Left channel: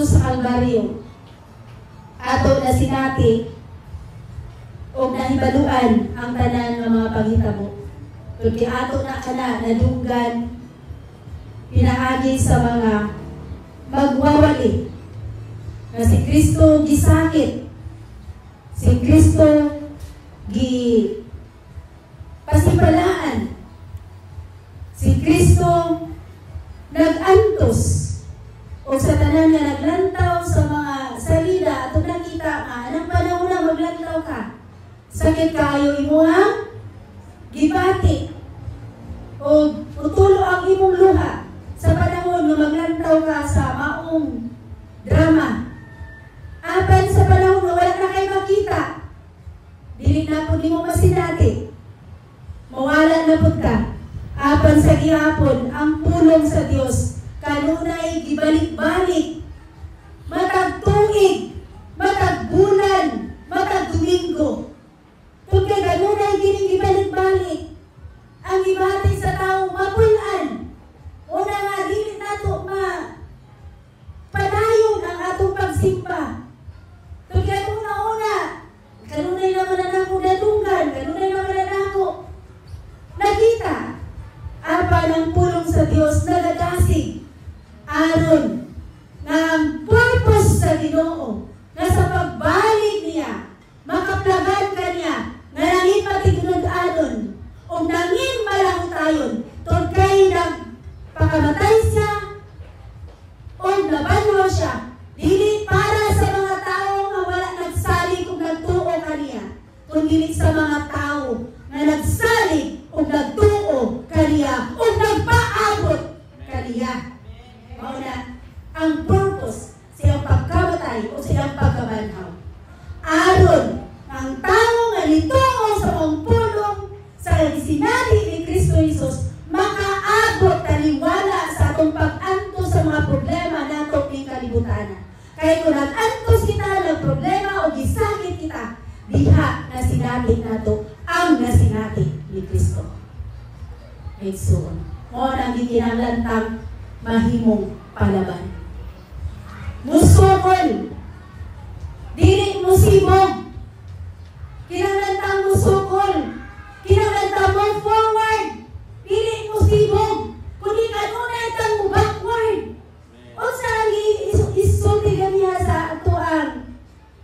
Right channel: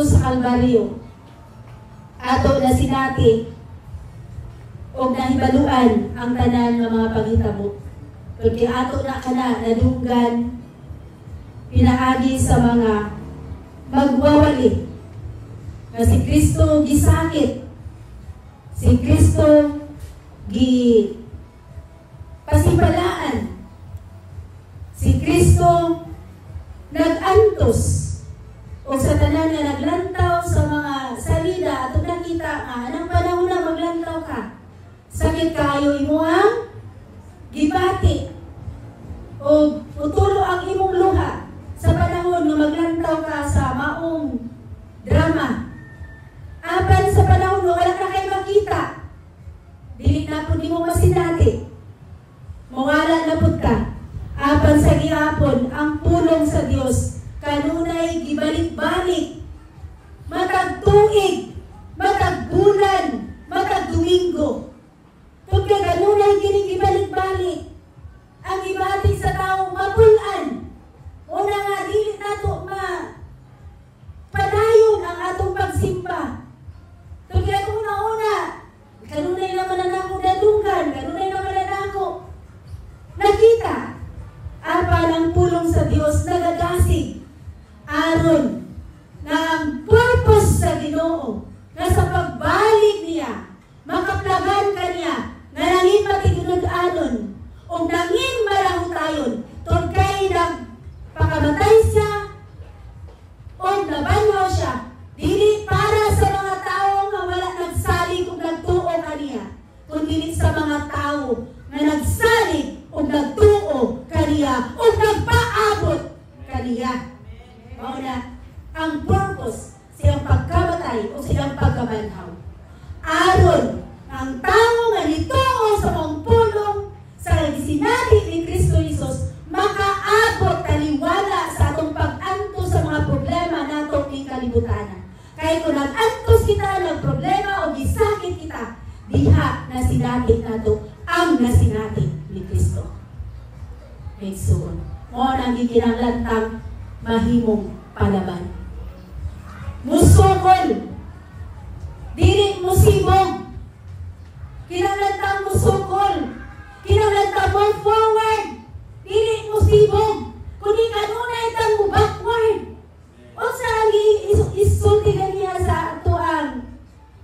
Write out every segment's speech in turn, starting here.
ato sa Kalbaryo, ato na sinati o nahibaluan ang tanan ng mga panghitabo. Porque ato na kana nadunggan pinaagi sa mga magwawali na si Kristo gisakit, si Kristo pasipalaan, si Kristo nagantos o sa tanan nga naglantaw sa mga salida at nakita anong panahon na maglantaw ka, sakit kayo imuhang gibati o utulo ang imong luha sa panahon nga maglantaw ka sa maong drama. Apan sa panahon nga wala na kayo makita, dili na po di mo masinati, mawala na po ka. Apan sa gihapon ang pulong sa Dios kanunay gibalik-balik, matag tuig, matag bulan, matag Domingo. Kaya kanunay gining gibalik-balik ang gibati sa taong mapulan. Una nga dili nato padayon ang atong pagsimba. Kaya una kanunay naman na nako nadunggan, kanunay naman na nako nakita apan ang pulong sa Dios nagadasig aron na ang purpose sa Ginoo nga sa pagbalik niya makaplagan kaniya nga nangin patigunod-anon o nangin malangutayon tod kay nagpakamatay siya o nabanhaw siya dili para sa mga tao nga wala nagsalig o nagtuo kaniya, kundi sa mga tao nga nagsalig o nagtuo kaniya o nagpaabot kaniya. Mao na ang purpose siyang pagkamatay o siyang pagkabanhaw. Aron ang tao nga nituo sa mong pulong sa sinati ni Kristo Jesus makaabot taliwala sa atong pag-antos sa mga problema natong kalibutan. Kaya kung nag-antos kita ng problema o gisakit kita, diha na sinati nato ang nasinati ni Kristo. So, mo nang gikinahanglan mahimong palaban. Musukol, dili musibog. Kinahanglan musukol, kinahanglan mo forward, dili musibog. Kundi kanunay tang mo backward. O sa isulti ganiya sa atuang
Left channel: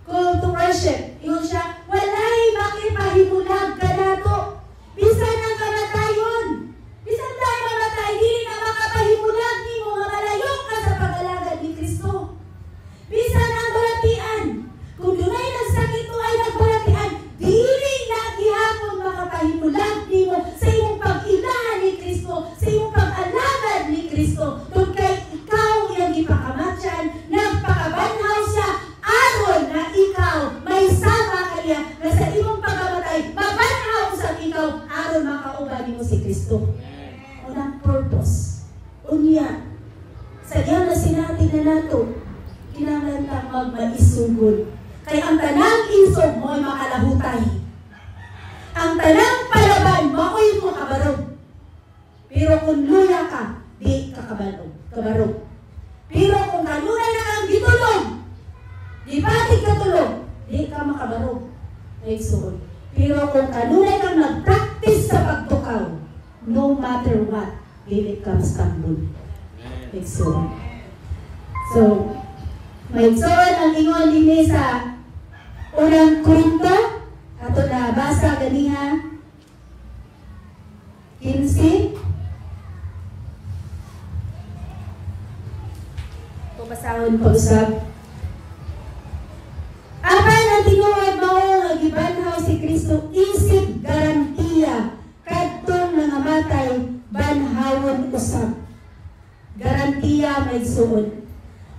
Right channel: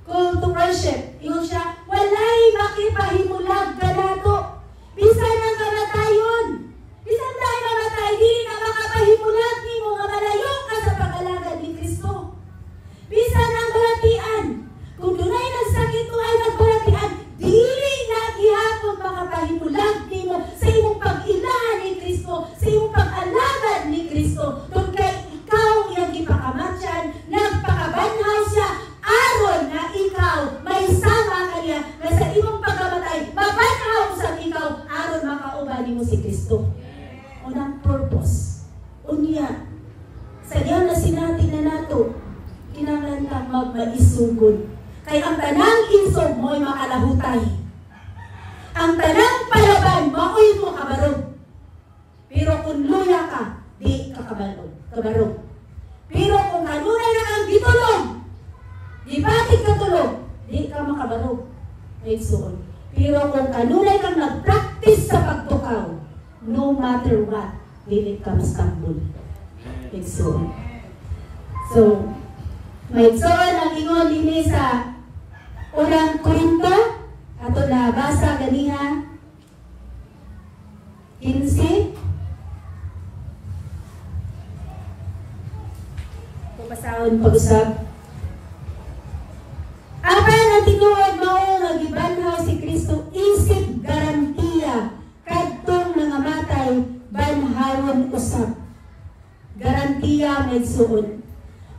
call to worship. Yung siya, walay makipahimulag ka nato. Bisan ang kamatayon. Bisan tayo mamatay, dili ka makapahimulag ni mo nga malayo ka sa pag-alagad ni Kristo. Bisan ang balatian. Kung dunay nagsakit mo ay nagbalatian, dili na gihapon makapahimulag ni mo sa imong pag-ilahan ni Kristo, sa imong pag-alagad ni Kristo. Kung kay ikaw iyang ipakamatyan, nagpakabanhaw siya, aron na ikaw may sama kaniya na sa imong pagkamatay, mabanhaw sa ikaw, aron makaubani mo si Kristo. Unang purpose. Unya, sa diyan na sinati na nato, kinahanglan ta magmaisugod. Kaya ang tanang insog mo'y makalahutay. Ang tanang palaban mo'y mo kabarog. Pero kung luya ka, di ka kabarog. Pero kung kanunay na kang gitulog, di batik ka tulog, di ka makabarog. Ay suon. Pero kung kanunay kang nag-practice sa pagtukaw, no matter what, dili ka mastambul. Ay suon. So, may suon ang ingon din sa unang kwento, ato na basa ganiha 15. Pabasahon pa usab. Apan ang tinuod mao nga gibanhaw si Kristo isip garantiya kadtong nangamatay banhawon usab. Garantiya may suod.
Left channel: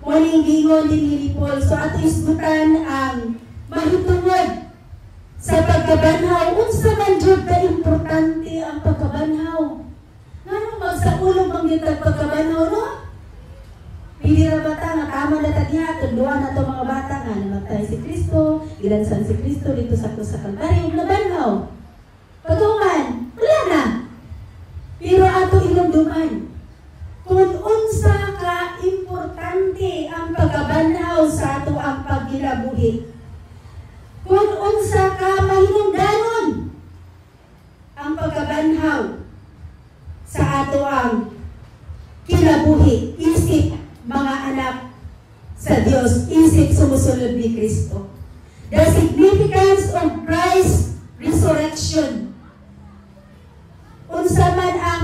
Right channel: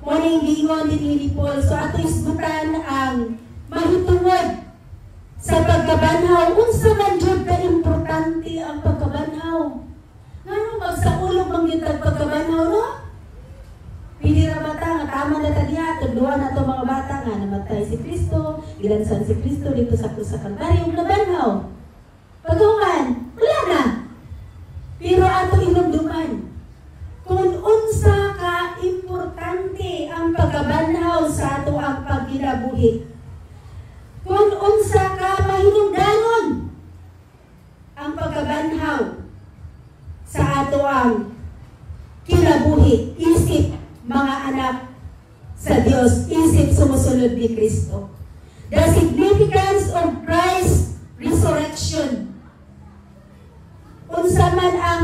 Muling gingon ni Paul, so ato isgutan ang mahitungod sa pagkabanhaw. Unsa man jud ka importante ang pagkabanhaw. Nganong magsaulog ang gitag pagkabanhaw, no? Pili ra bata nga tama na tagya, tunduan na to mga bata nga namatay si Kristo, ilansan si Kristo dito sa krus sa Kalbaryo, nabanhaw. Patungan, wala na. Pero ato inumduman, kung unsa ka importante ang pagkabanhaw kinabuhi. Kung unsa ka mahinungdanon ang pagkabanhaw sa ato ang kinabuhi, isip mga anak sa Dios, isip sumusunod ni Kristo. The significance of Christ's resurrection. Unsa man ang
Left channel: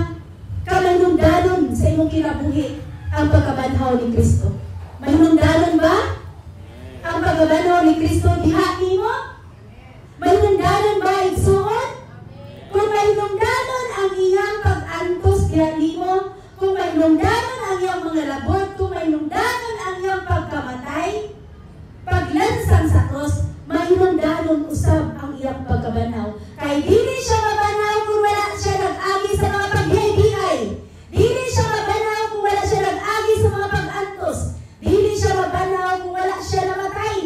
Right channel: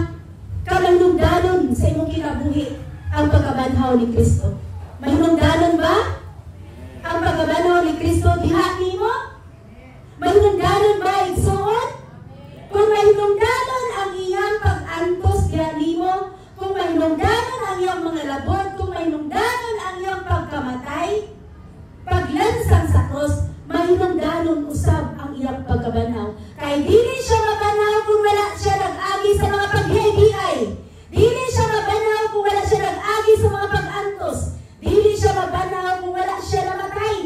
kamanungdanon sa imong kinabuhi ang pagkabanhaw ni Kristo. Mahinungdanon ba? Ang pagkabanhaw ni Kristo diha nimo? Mahinungdanon ba igsuon? Kung mahinungdanon ang iyang pag-antos diha nimo, kung mahinungdanon ang iyang mga labot, kung mahinungdanon ang iyang pagkamatay, paglansang sa cross, mahinungdanon usab ang iyang pagkabanhaw. Kay dili siya mabanhaw kung wala siya nag-agi sa mga paghihay. Dili siya mabanhaw kung wala siya nag-agi sa mga pag-antos. Dili siya mabanhaw kung wala siya namatay.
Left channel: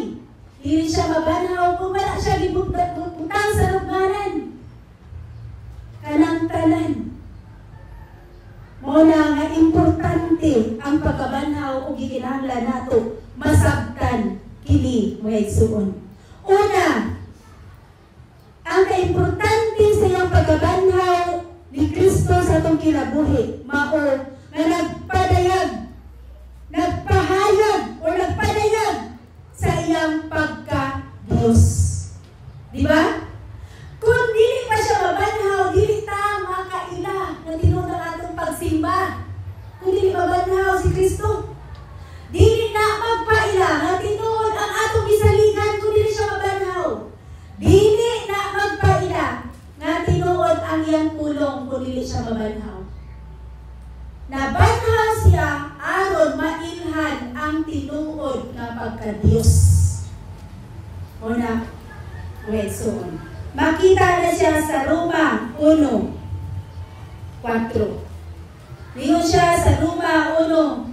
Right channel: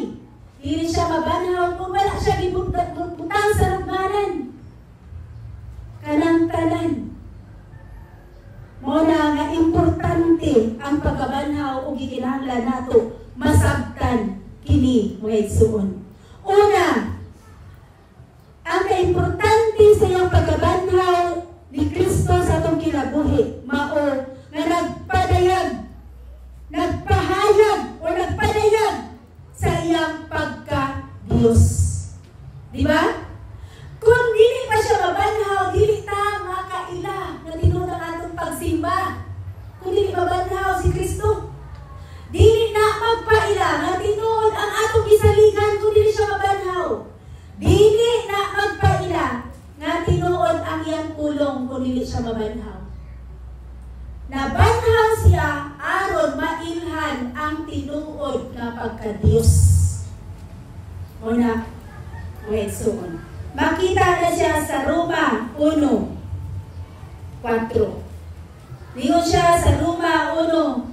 Dili siya mabanhaw kung wala siya gibutang sa lugmanan. Kanang tanan. Mao na nga importante ang pagkabanhaw ug gikinahanglan nato masabtan kini mga igsuon. Una, ang kaimportante sa iyong pagkabanhaw ni Kristo sa atong kinabuhi, mao nga nagpahayag o nagpadayag sa iyang pagka-Diyos. Di ba? Kung dili pa siya mabanhaw, dili ta makaila na tinuod ang atong pagsimba. Kung dili mabanhaw si Kristo, dili na magpaila na tinuod ang atong gisaligan kung dili siya mabanhaw. Dili na magpaila nga tinuod ang iyang pulong kung dili siya mabanhaw. Nabanhaw siya aron mailhan ang tinuod nga pagka-Diyos. Una, wait, soon. Makita na siya sa Roma 1:4. Niyo siya sa Roma 1:4.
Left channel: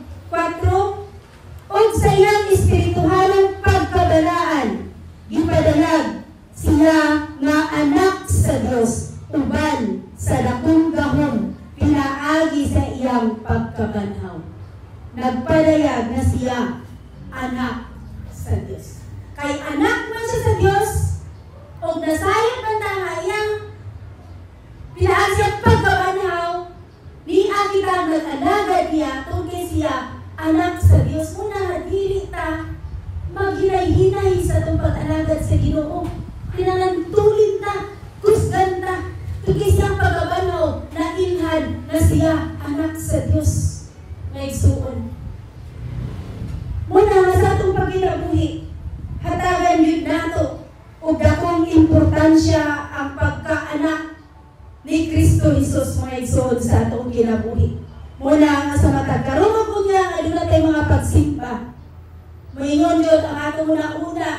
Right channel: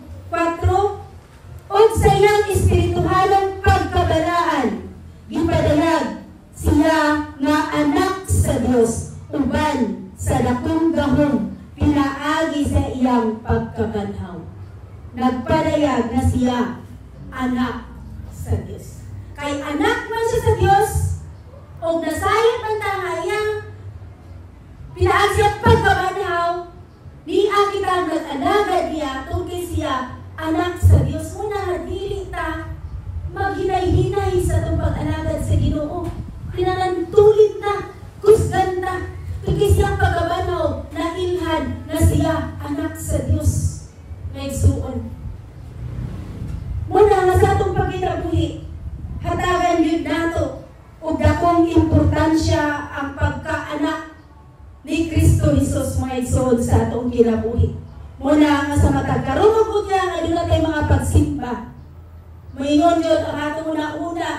Og sa iyang espirituhalong pagkabalaan, gipadalag siya nga anak sa Dios, uban sa dakong gahom pinaagi sa iyang pagkabanhaw. Nagpadayag na siya anak sa Dios. Kay anak man siya sa Dios, o nasayang man na nga iyang pinaagi siyang pagkabanhaw, niya kita nag-alagad niya tungkol siya anak sa Dios. Muna dili ta maghinay-hinay sa itong pag-alagad sa Ginoo. Pinanantulid na, kusgan na, tungkol siyang pagkabanhaw na ilhan na siya anak sa Dios. May igsuon. Muna nga sa itong pagkitabuhi, hatagan yun nato o dakong importansya ang pagkaanak ni Kristo Jesus mga igsuon sa itong kinabuhi. Muna nga sa matagkarunog ko niya nga doon natin mga pagsimba. Maingon yun ang atong una-una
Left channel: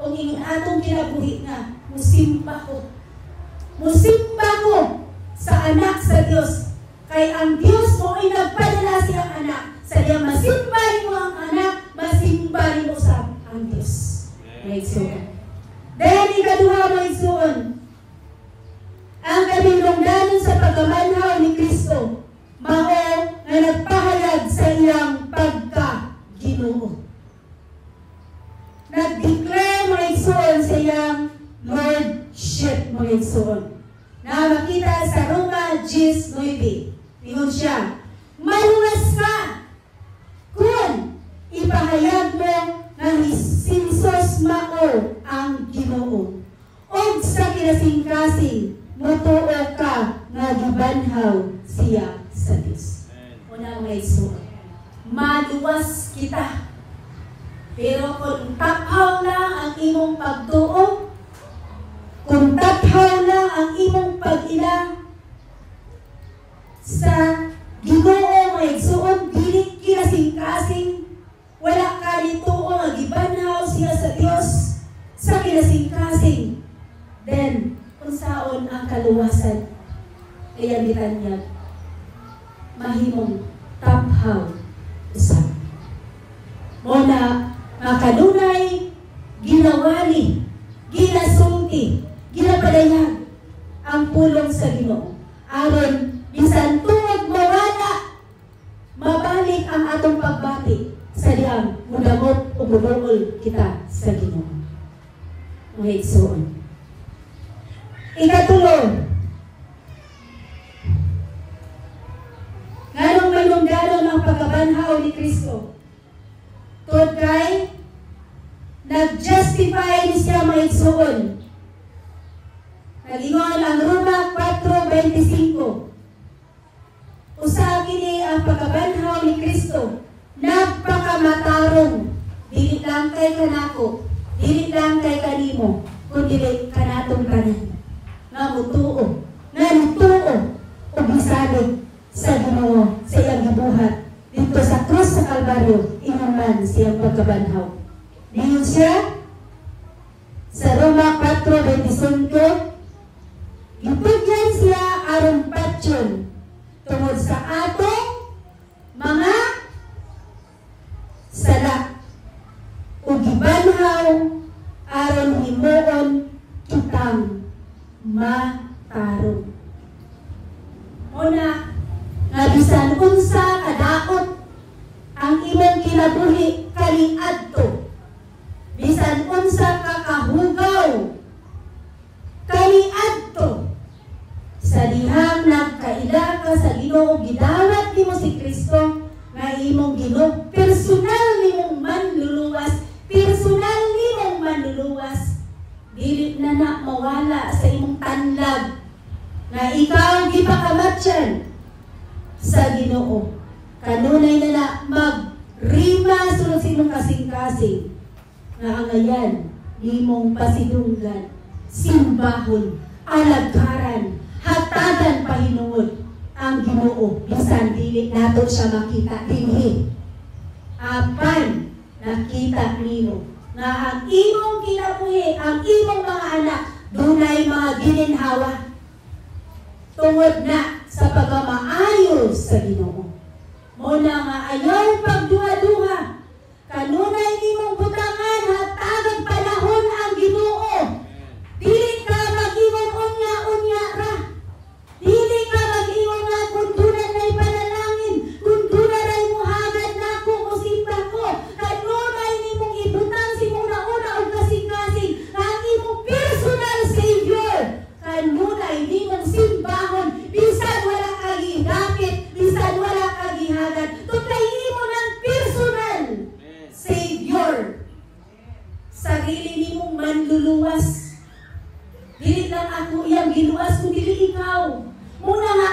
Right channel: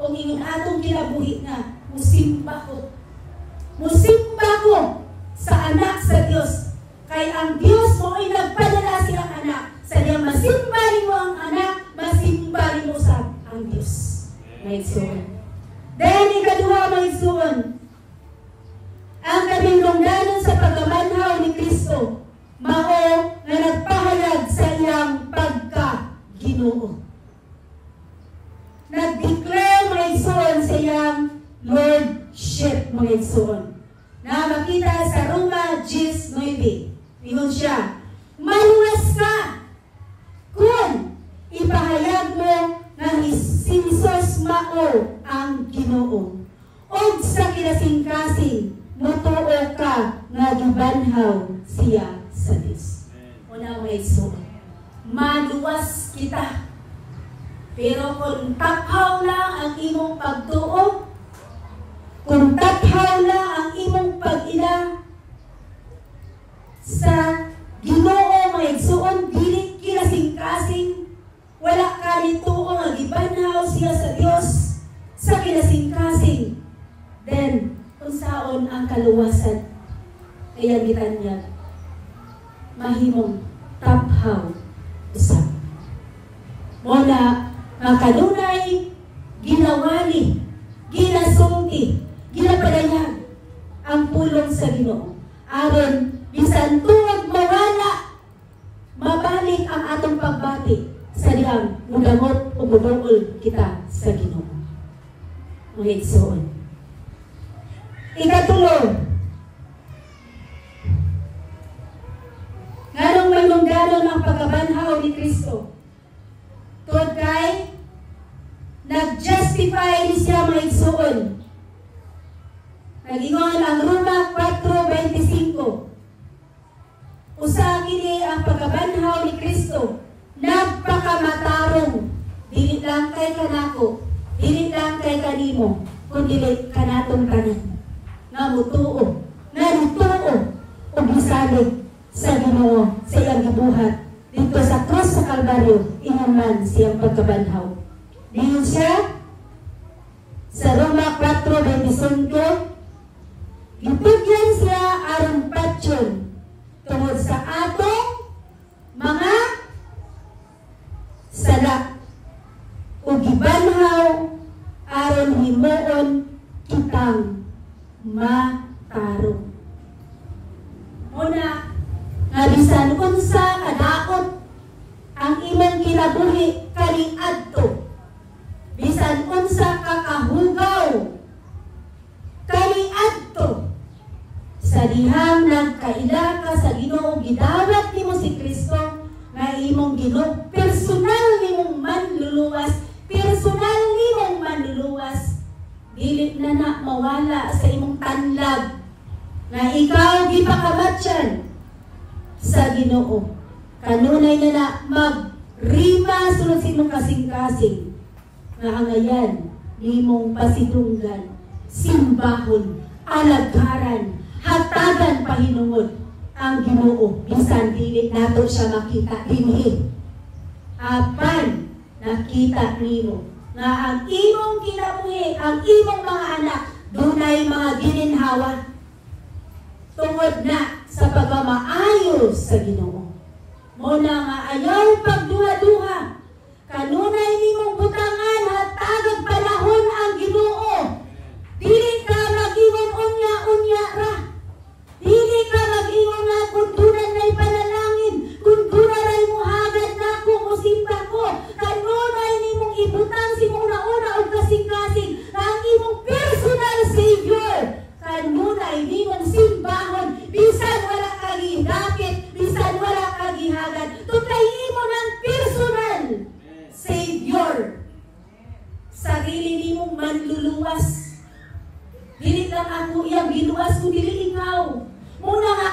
o ingon atong kinabuhi nga, musimba ko. Musimba ko sa anak sa Dios. Kay ang Dios mo ay nagpadala siyang anak. Sa diyang masimba mo ang anak, masimba mo sa ang Dios. May igsuon. Dahil ikaduha may igsuon, ang kaminungdanon sa pagkabanhaw ni Kristo, mao nga nagpahayag sa iyang pagka-Ginoo. Nag-declare mga igsuon sa iyang Lordship mga igsuon. Na makita sa Roma 10:9. Ingon siya, maluwas ka kung ipahayag mo nga si Jesus mao ang Ginoo. Og sa kinasing-kasing, mutuo ka nga gibanhaw siya sa Dios. Una mga igsuon, maluwas kita. Pero kung taphaw na ang imong pagtuo, kung taphaw na ang imong pag-ila sa Ginoo mga igsuon, dili kinasing-kasing, wala ka nituo nga gibanhaw siya sa Dios sa kinasing-kasing, then unsaon ang kaluwasan? Kaya gitan niya, mahimong taphaw usab. Muna kanunay ginawali, ginasulti, ginapadayag ang pulong sa Ginoo. Aron bisan tuod mawala, mabalik ang atong pagbati sa diyang mudamot o budol kita sa Ginoo. mga igsoon. Ikatulo, nganong may lunggaron ang pagkabanhaw ni Kristo. Tod kay nag-justify ni siya mga igsoon. Nag-ingon ang Roma 4:25. Usa kini ang pagkabanhaw ni Kristo, nagpakamatarong, dili lang kay kanako, dili lang kay kanimo, kundi kanatong tanan. Nga mutuo, o bisalig sa Ginoo sa iyang gibuhat dito sa krus sa Kalbaryo, inuman siyang pagkabanhaw. Diyon siya sa Roma 4:25, gitugyan siya aron patyon tungod sa atong mga sala ug gibanhaw aron himuon kitang matarong. Una, nga bisan unsa kadaot ang imong kinabuhi kaniadto, bisan unsa kakahugaw kaniadto, sa dihang nagkaila ka sa Ginoo, gidawat nimo si Kristo nga imong Ginoo, personal nimong manluluwas, dili na mawala sa imong tanlag nga ikaw gipakamatyan sa Ginoo. Kanunay na magrima sulod sa imong kasing-kasing nga angayan imong pasidunggan, simbahon, alagaran, hatagan pahinuod ang Ginoo, bisan dili nato siya makita dinhi. Apan nakita nimo nga ang imong kinabuhi, ang imong mga anak, dunay mga gininhawa tungod na sa pagmamaayo sa Ginoo. Muna nga ayaw pagduha-duha, kanunay nimong butangan hatagag panahon ang Ginoo. Dili ka mag-ingon unya-unya ra. Dili ka mag-ingon nga kung dunay may panalangin, kung dunay mo hagad na ko, musimba ko. Kanunay nimong ibutang si una-una o kasing-kasing ang imong personal Savior. Kanunay nimong simbahon, bisan wala kagihapit, bisan wala kagihagad. Tuklayin mo ng personal Savior. Sarili nimong manluluwas. Dili lang ako iyang giluwas kung dili ikaw. Muna nga